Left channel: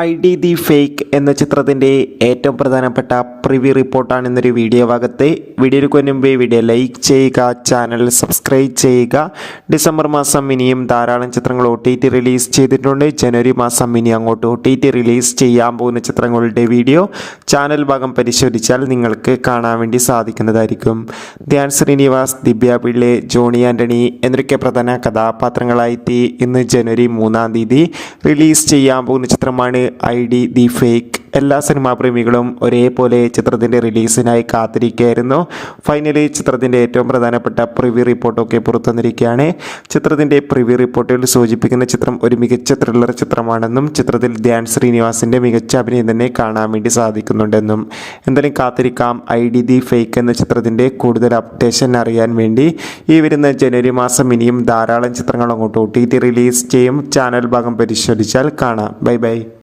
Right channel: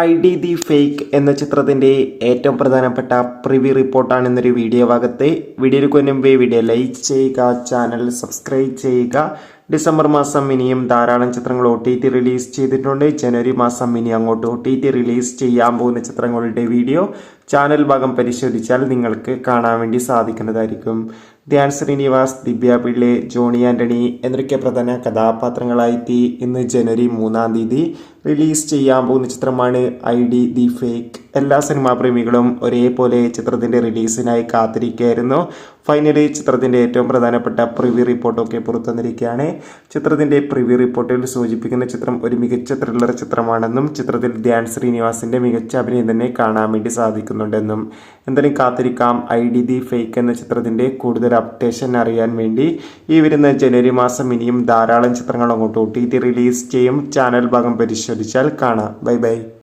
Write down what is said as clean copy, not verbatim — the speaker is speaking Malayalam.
ID ദി ഫേക്ക് എന്ന ചിത്രത്തിൻ്റെ ഏറ്റവും പ്രധാനപ്പെട്ട പ്രിവ്യൂ റിപ്പോർട്ടാണ് ഇന്നൊരു വീഡിയോ ഭാഗത്ത്. വീഡിയോയ്ക്ക് മുൻപേ വീഡിയോ ലൈക്ക് ചെയ്യുക, ചാനൽ സബ്സ്ക്രൈബ് ചെയ്യുക. ഡിസംബർ മാസം ഇനിയും ധാരാളം ചിത്രങ്ങൾ OTT റിലീസ് ചെയ്തിട്ടുണ്ട്. ജനുവരി മാസം ഇനി അങ്ങോട്ട് OTT റിലീസ് ചെയ്യാൻ പോകുന്ന ചിത്രങ്ങളുടെ വീഡിയോ ചാനൽ ഭാഗം പരിശോധിച്ചാൽ നിങ്ങൾക്ക് കാണാൻ വേണ്ടി സാധിക്കുന്നതായിരിക്കും. ധ്യാൻ ശ്രീനിവാസ്, ദിവ്യ പിള്ളെ, ജോണി ആൻ്റണി എന്നൊക്കെ പ്രധാന കഥാപാത്രങ്ങളായിട്ട് ഇന്ന് ജനുവരി 3-ാം തീയതി റിലീസ് ചെയ്യാൻ പോകുന്ന ചിത്രമാണ് ID ദി ഫേക്ക്. എല്ലാ സിനിമാ പ്രേമികളും ഒരേപോലെ ചിത്രത്തിൻ്റെ റിലീസിനായി കാത്തിരിക്കുകയായിരുന്നു. ഫൈനലി ചിത്രത്തിൻ്റെ ഏറ്റവും പ്രധാനപ്പെട്ട പ്രിവ്യൂ റിപ്പോർട്ടൊക്കെ പുറത്തുവന്നിരിക്കുകയാണ്. ചിത്രത്തിൻ്റെ പ്രിവ്യൂ റിപ്പോർട്ടിൽ സൂചിപ്പിക്കുന്ന ചിത്രം ഒരു മികച്ച ത്രില്ലർ ചിത്രമാണെന്നും ചിത്രത്തിൽ ധ്യാൻ ശ്രീനിവാസിൻ്റെ മികച്ച അഭിനയം തന്നെ കാണാൻ വേണ്ടി സാധിക്കുന്നുണ്ടെന്നും. എന്തായാലും കാത്തിരിക്കാം ID ദി ഫേക്ക് എന്ന ചിത്രത്തിൻ്റെ കൂടുതൽ അപ്ഡേഷൻ അറിയാൻ വേണ്ടി. ഈ വരുന്ന ജനുവരി മാസം ഇനിയും ധാരാളം ചിത്രങ്ങൾ അങ്ങോട്ട് OTT റിലീസ് ചെയ്യും. ചാനൽ ഭാഗം പരിശോധിച്ചാൽ കാണാം. Bye bye.